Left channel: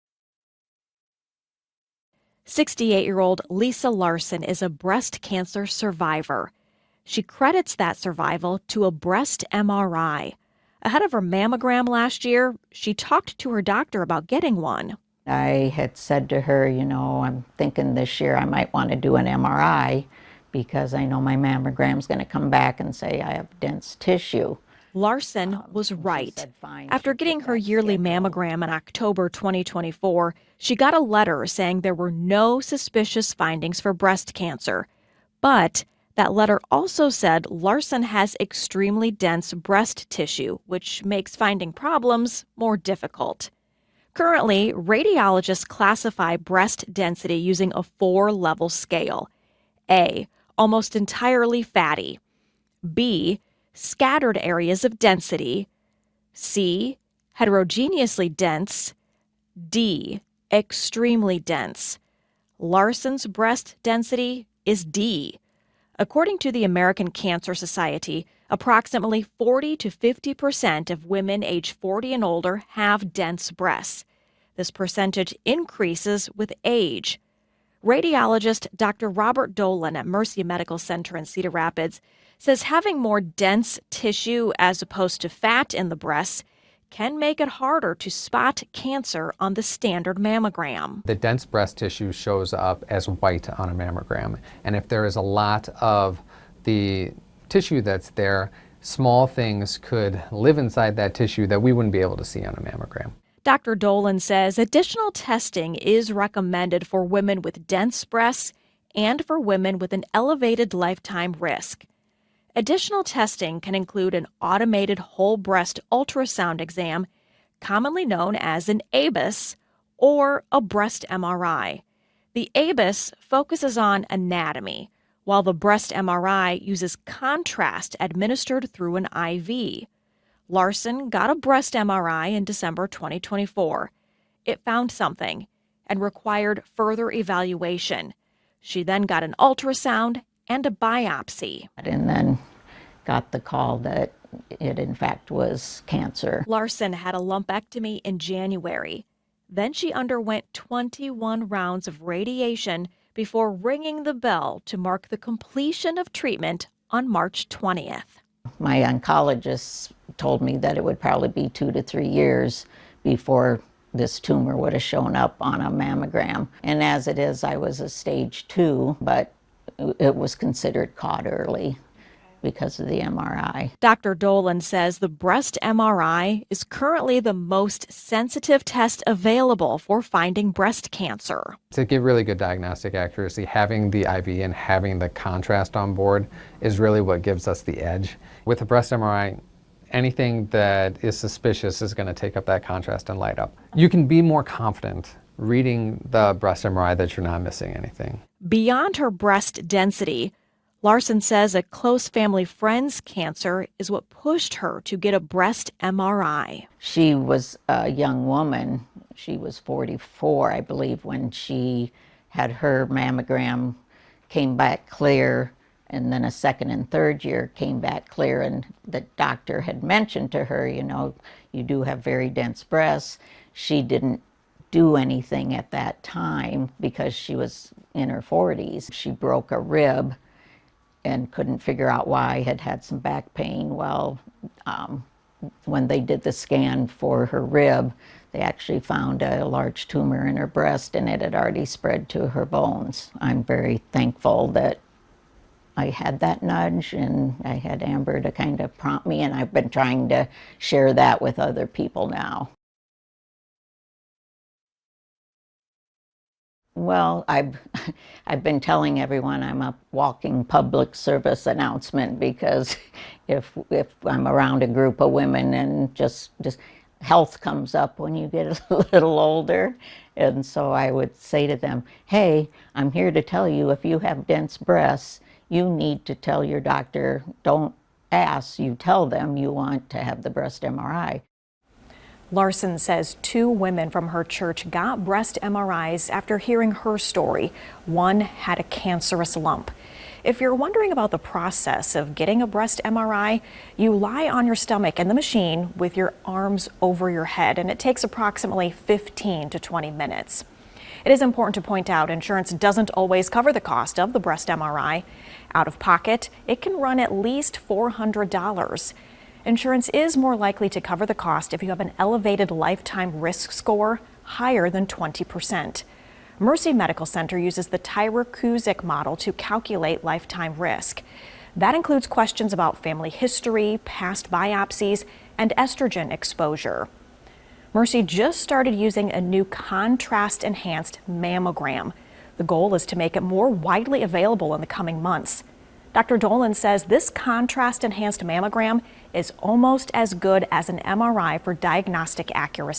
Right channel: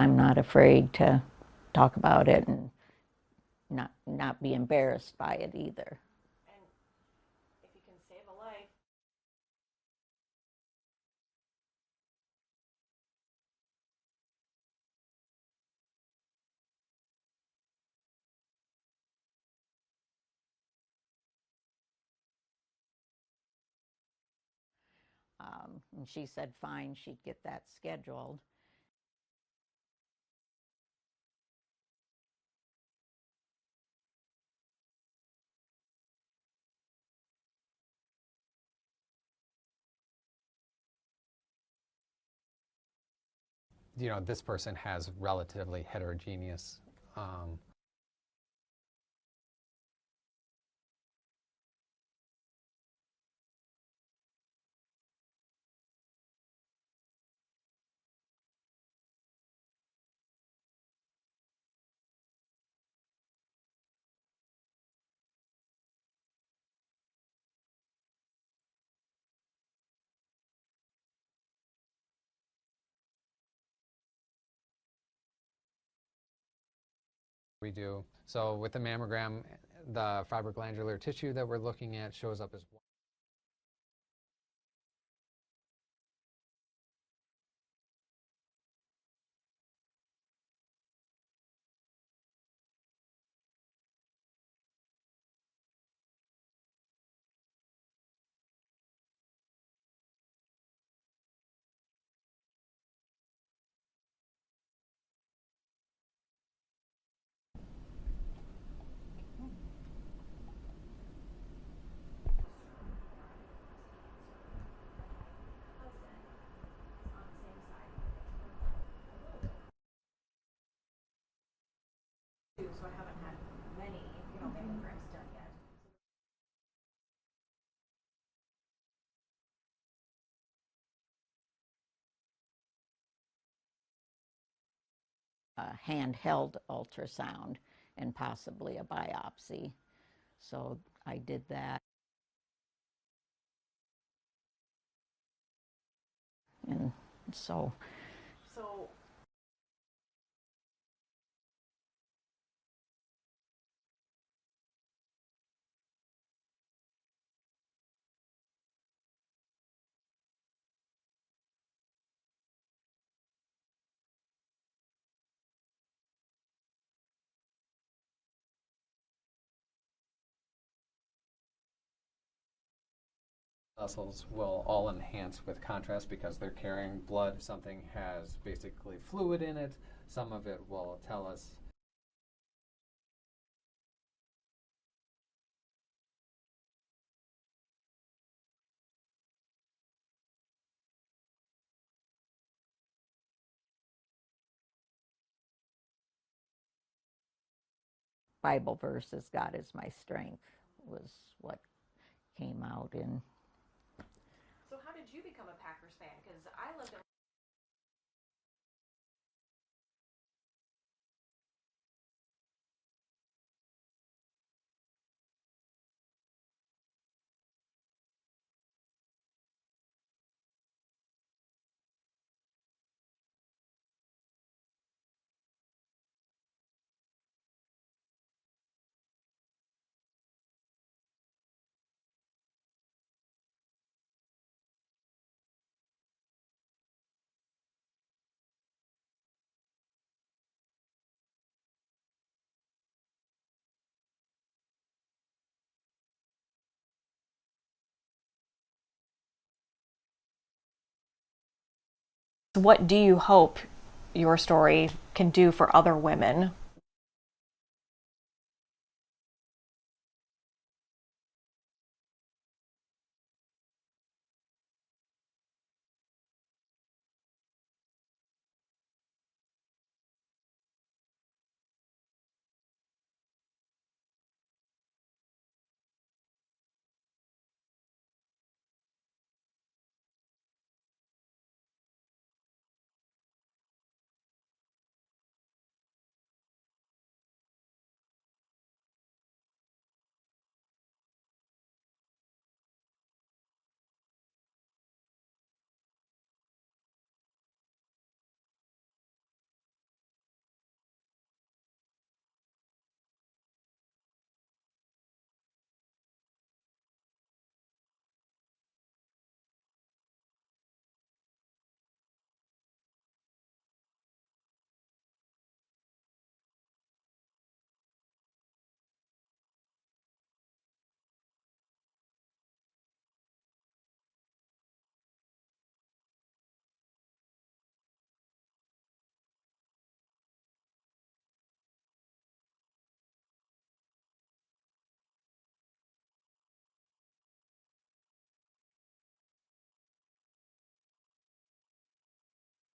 I'm not afraid to talk about it. 68-year-old Lisa Larson not is a be breast embarrassed by it cancer either. survivor. She credits that survival to a breast MRI. Ahead of her mammogram last year, she talked to her doctor about getting one. I had said to her, I'm thinking this year I might want to do an MRI because I know my mammogram's going to come back and say I have dense tissue. Larson was And she right. said, fine, After she'd getting get her that yearly scheduled. mammogram in October 2024, she got a letter saying there were no suspicious findings for breast cancer. But that letter also said Larson has extremely dense breast tissue, which makes finding problems more difficult. Currently, radiologists classify breast density using a 4-level scale. A, almost entirely fatty. B, scattered areas of density. C, heterogeneously dense. D, extremely dense. Larson's breast density is D. According to the American Cancer Society, approximately 40 to 50% of women age 40 and older have dense breasts. This percentage increases with age. Radiologist Dr. Robert Dolan at Mercy Medical Center in Cedar Rapids says having more dense tissue as opposed to fat in the breasts can make it harder to spot cancer on the standard mammogram. The dense breast tissue shows up as white on a mammogram, and if there is a lot of the tissue that's there, small things could live inside that tissue that we wouldn't be able to see on a mammogram. Dr. Dolan says additional testing is recommended for women with dense breasts and for women with an elevated lifetime risk. Additional testing can include an automated whole breast ultrasound exam, commonly known as an ABUS, or a breast MRI. The ABUS focuses on anatomy, while the breast MRI uses contrast administered through an IV. Larson got a breast MRI in December 2024. It found something and required further evaluation. She then got an ultrasound and a biopsy. And then got the call that it in fact was cancer. Larson had a lumpectomy in January. Then she underwent 21 rounds of radiation before ringing the bell to mark the completion of treatment on March 20th. My oncologist told me that it would probably be 2 to 3 years before this tumor would have shown up on a mammogram. And as it is, I was a stage 2, but it was considered caught early because of the MRI. Dr. Dolan says the breast MRI is currently the most sensitive test available for finding breast cancer. To give really good diagnostic accuracy, having the IV and having the contrast on board is really what gives us the edge. With a breast MRI, anything that is suspicious is going to take up that contrast and light up. You can be more confident reading the breast MRI that you're not missing anything. Beyond her breast density, Larson says a close family friend's cancer is what pushed her to get a breast MRI. She was a young woman. She was 44, I believe, when she had her mammogram, came back clear, and then a second and third year came back clear, and the doctor had mentioned to her, you do have very dense breasts. She didn't do anything at that time because she was in her 40s. She broke a rib and couldn't figure out why. I had some back pain. Well, when they did the scan for her rib, they actually found a large tumor in her breast, and it had already spread to her bones. I'm very thankful that I had that nudge, and I had Amber to kind of prompt me, and I've been trying to share that with other people now. What do you hope your story can do for other women? Well, I've been telling everyone I'm a walking public service announcement, because if I'm around a group of women and just health comes up when you get a little older, and so I would say to them, hey, I'm here to tell you, if you have dense breasts, you need to tell your doctor. Don't ask, you tell them you want to have the breast MRI. Larson says 2 women from her church got breast MRIs after hearing her story. One had a cancerous lump. If you're wondering about the process of getting a breast MRI, you lie on your stomach in the machine with your arms over your head, and it takes approximately 15 to 20 minutes. It is important to point out insurance doesn't always cover the cost of the breast MRI. Out of pocket, it can run at least $400. Insurance is more likely to cover the cost if you have an elevated lifetime risk score higher than 20%. Mercy Medical Center uses the Tyrer-Cuzick model to calculate lifetime risk. That includes questions about family history, past biopsies, and estrogen exposure. Mercy just started using a new contrast-enhanced mammogram. The goal is to make it more widely available in the coming months. Dr. Dolan says this contrast-enhanced mammogram is almost as good as an MRI for diagnostic accuracy.